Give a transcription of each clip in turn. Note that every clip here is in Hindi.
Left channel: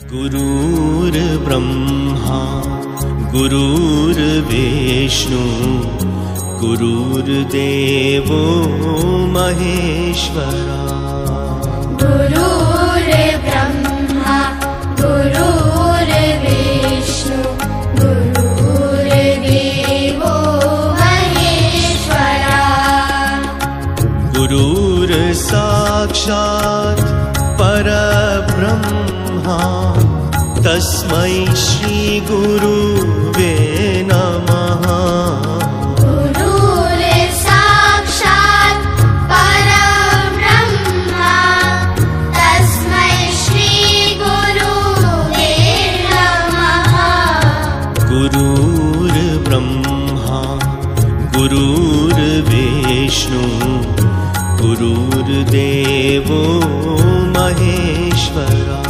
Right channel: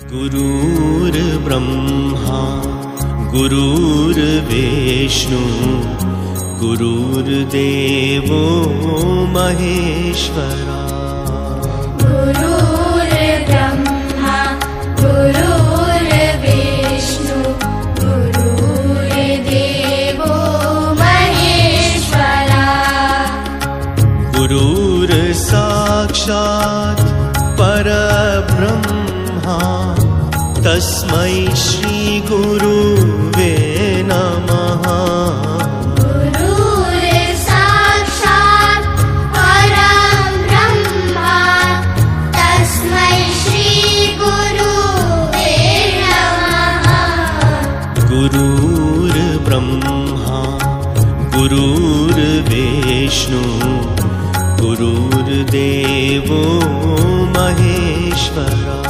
गुरुर्ब्रह्मा गुरुर्विष्णु गुरुर्देवो महेश्वरा। गुरुर्ब्रह्मा गुरुर्विष्णु गुरुर्देवो महेश्वरा। गुरुर्साक्षात् परब्रह्मा तस्मै श्री गुरुवे नमः। गुरुर्साक्षात् परब्रह्मा तस्मै श्री गुरुवे नमः। गुरुर्ब्रह्मा गुरुर्विष्णु गुरुर्देवो महेश्वरा।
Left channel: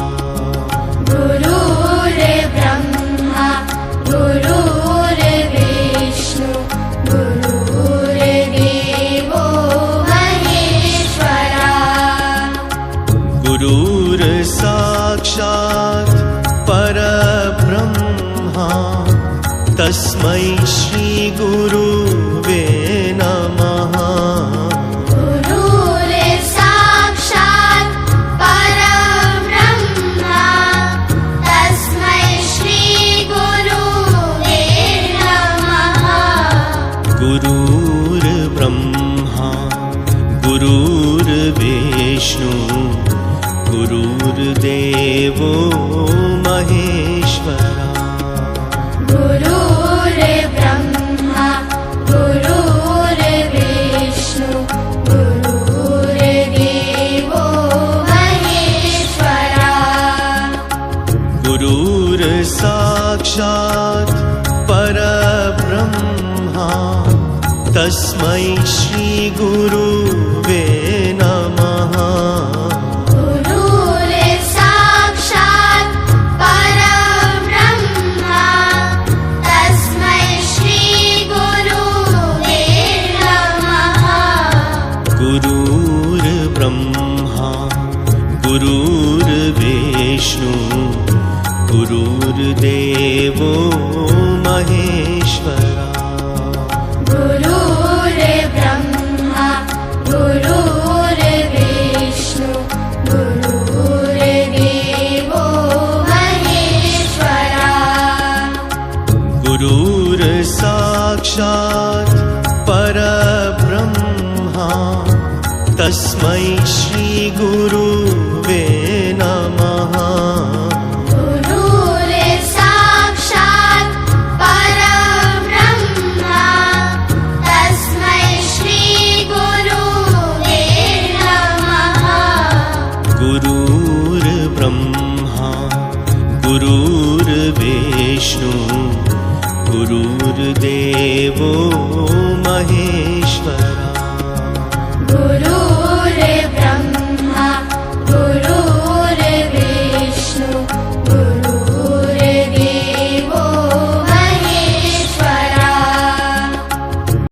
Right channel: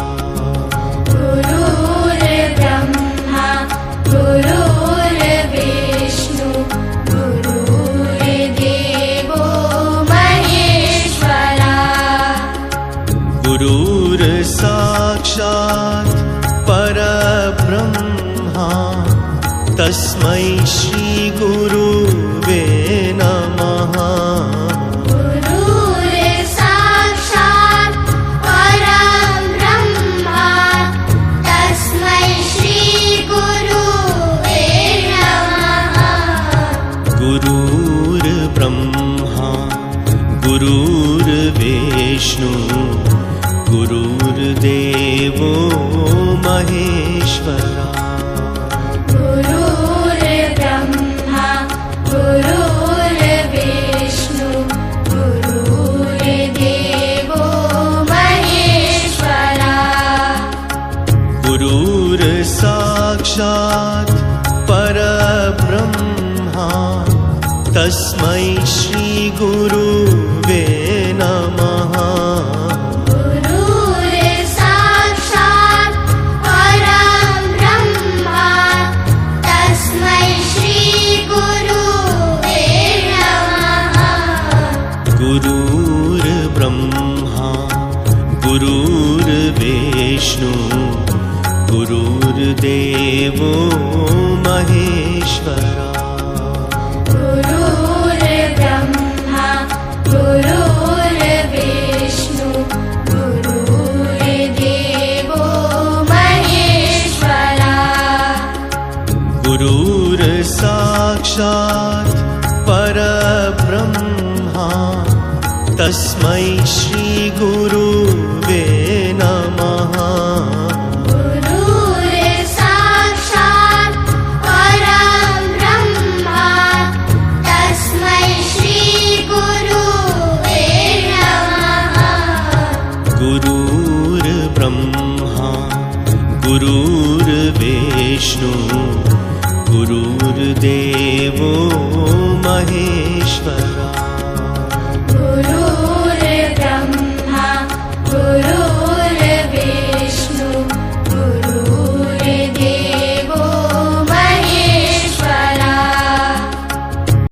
गुरुर्ब्रह्मा गुरुर्विष्णु गुरुर्देवो महेश्वरा। गुरुर्साक्षात् परब्रह्मा तस्मै श्री गुरुवे नमः। गुरुर्ब्रह्मा गुरुर्विष्णु गुरुर्देवो महेश्वरा। गुरुर्ब्रह्मा गुरुर्विष्णु गुरुर्देवो महेश्वरा। गुरुर्साक्षात् परब्रह्मा तस्मै श्री गुरुवे नमः। गुरुर्साक्षात् परब्रह्मा तस्मै श्री गुरुवे नमः। गुरुर्ब्रह्मा गुरुर्विष्णु गुरुर्देवो महेश्वरा। गुरुर्ब्रह्मा गुरुर्विष्णु गुरुर्देवो महेश्वरा। गुरुर्साक्षात् परब्रह्मा तस्मै श्री गुरुवे नमः। गुरुर्ब्रह्मा गुरुर्विष्णु गुरुर्देवो महेश्वरा।